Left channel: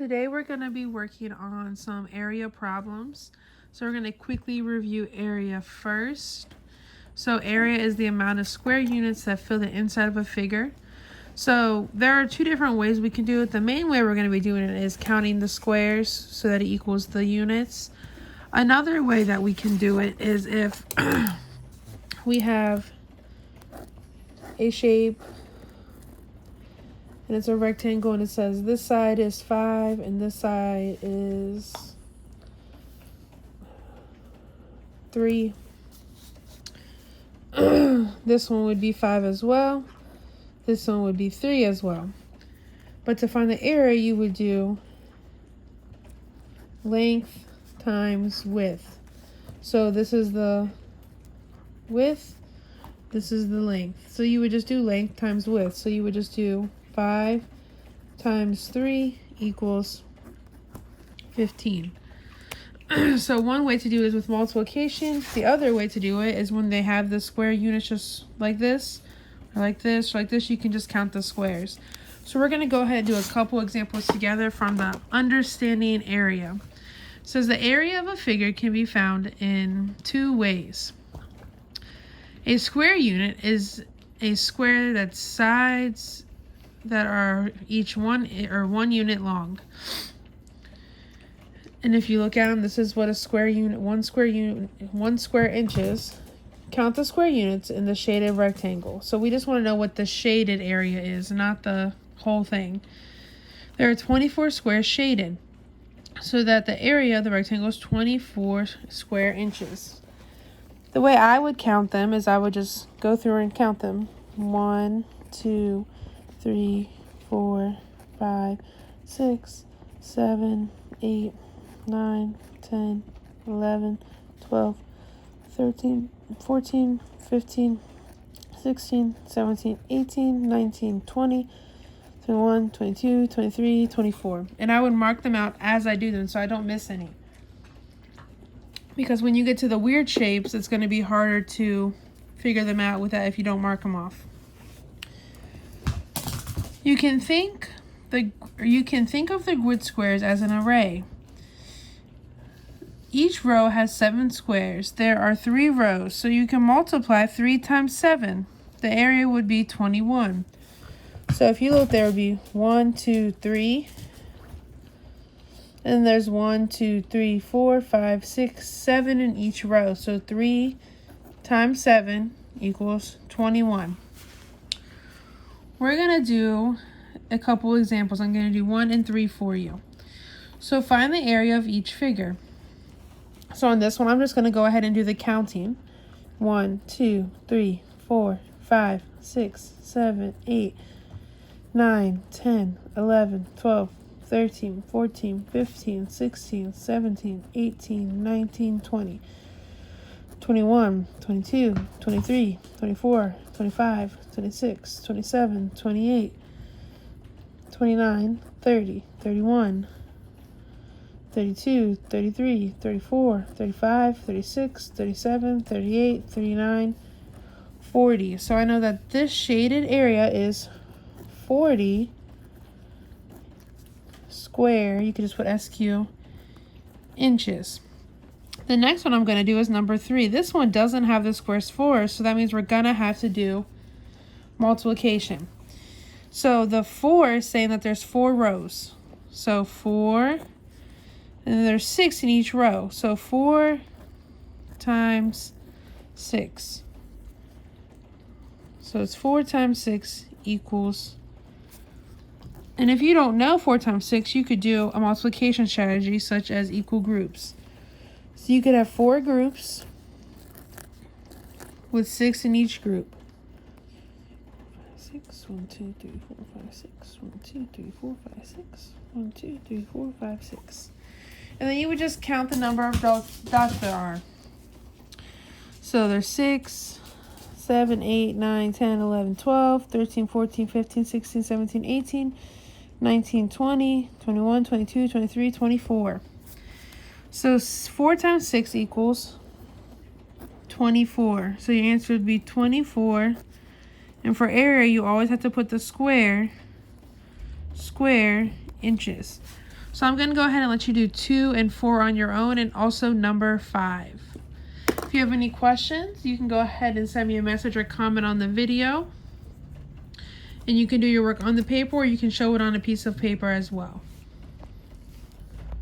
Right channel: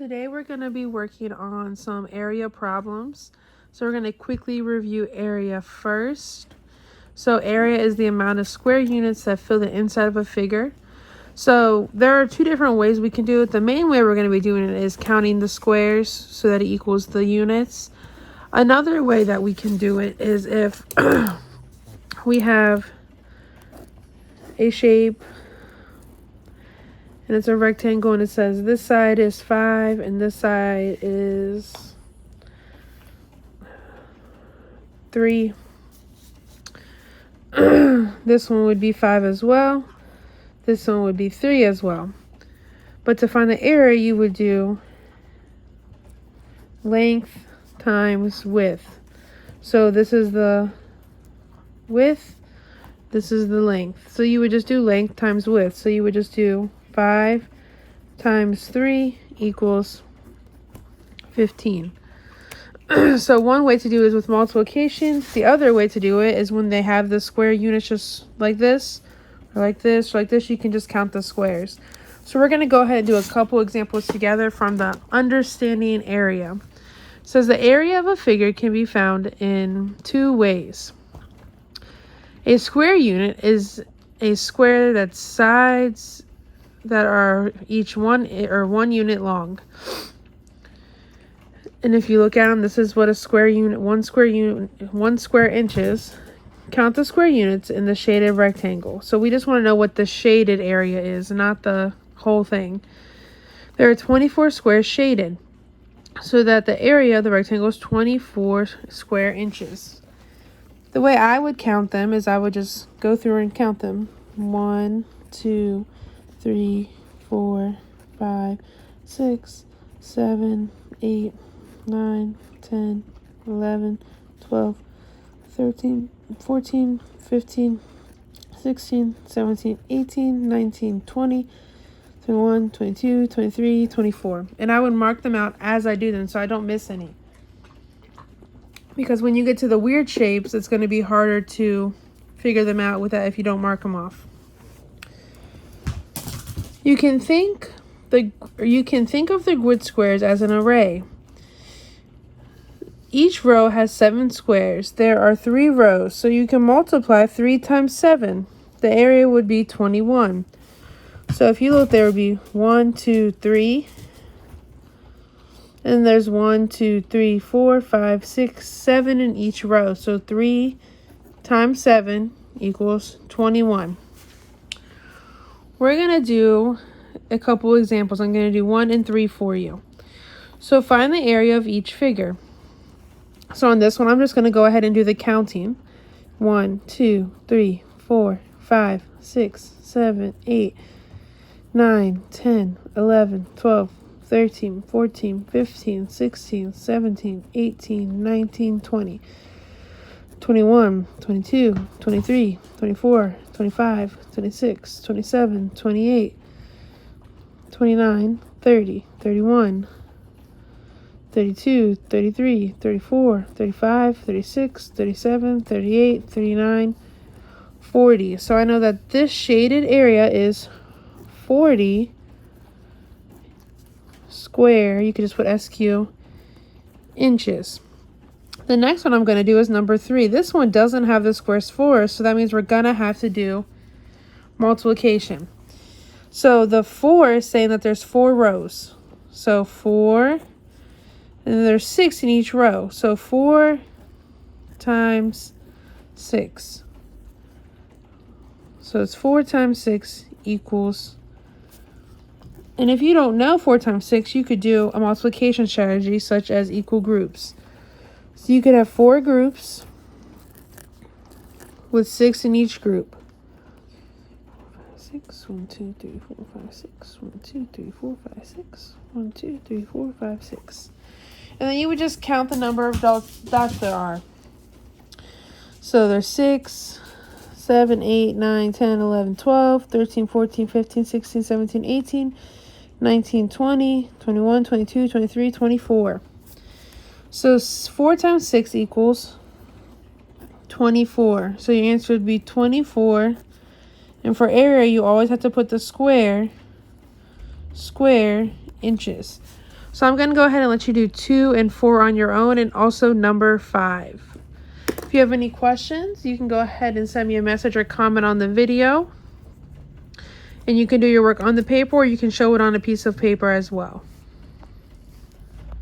Today we're going to be working on some area problems. So we're going to quickly review area first. So area is the amount of square units that fill the inside of a figure. So there are two different ways we can do it. The main way we're going to be doing it is counting the squares so that it equals the units. Another way that we can do it is if we have a shape and it's a rectangle and it says this side is 5 and this side is 3. This one would be 5 as well. This one would be 3 as well. But to find the area, you would do length times width. So this is the width, this is the length. So you would just do length times width. So you would just do 5 times 3 equals 15. So one way to do it is with multiplication. The other way to do it is when they have the square units just like this, or like this, or like this, you can just count the squares. So we're going to go ahead and do a couple examples together from the understanding area. It says the area of a figure can be found in two ways. A square unit is a square that's sides that are each one unit long. And if you look at them, this is what a square unit, one square inches. Count the square units in the shaded rectangle. So we just want to know what the shaded area is, not the whole thing. There are 24 squares shaded, so that the area of the rectangle is 24 square inches. The way I would count them is I would just go through and count them. 1, 2, 3, 4, 5, 6, 7, 8, 9, 10, 11, 12, 13, 14, 15, 16, 17, 18, 19, 20, 21, 22, 23, 24. And I would mark them out as I do them so I don't miss any. Because when you get to the weird shapes, it's going to be harder to figure them out with that if you don't mark them off. You can think of the grid squares as an array. Each row has 7 squares. There are 3 rows, so you can multiply 3 times 7. The area would be 21. So if you look, there would be 1, 2, 3. And there's 1, 2, 3, 4, 5, 6, 7 in each row. So 3 times 7 equals 21. We're going to do a couple examples. I'm going to do 1 and 3 for you. So find the area of each figure. So on this one, I'm just going to go ahead and do the counting. 1, 2, 3, 4, 5, 6, 7, 8, 9, 10, 11, 12, 13, 14, 15, 16, 17, 18, 19, 20, 21, 22, 23, 24, 25, 26, 27, 28, 29, 30, 31, 32, 33, 34, 35, 36, 37, 38, 39, 40. So I know that this shaded area is 40 square, you can just put SQ, inches. The next one I'm going to do is number 3. This one doesn't have the squares for us, so that means we're going to have to do multiplication. So the 4 is saying that there's 4 rows. So 4, and there's 6 in each row. So 4 times 6. So it's 4 times 6 equals, and if you don't know 4 times 6, you could do a multiplication strategy such as equal groups. So you could have 4 groups with 6 in each group. 6, 1, 2, 3, 4, 5, 6. 1, 2, 3, 4, 5, 6. 1, 2, 3, 4, 5, 6. And then you would just count the number of dots there are. So there's 6, 7, 8, 9, 10, 11, 12, 13, 14, 15, 16, 17, 18, 19, 20, 21, 22, 23, 24. So 4 times 6 equals 24. So your answer would be 24. And for area, you always have to put the square inches. So I'm going to go ahead and let you do 2 and 4 on your own, and also number 5. If you have any questions, you can go ahead and send me a message or comment on the video. And you can do your work on the paper, or you can show it on a piece of paper as well.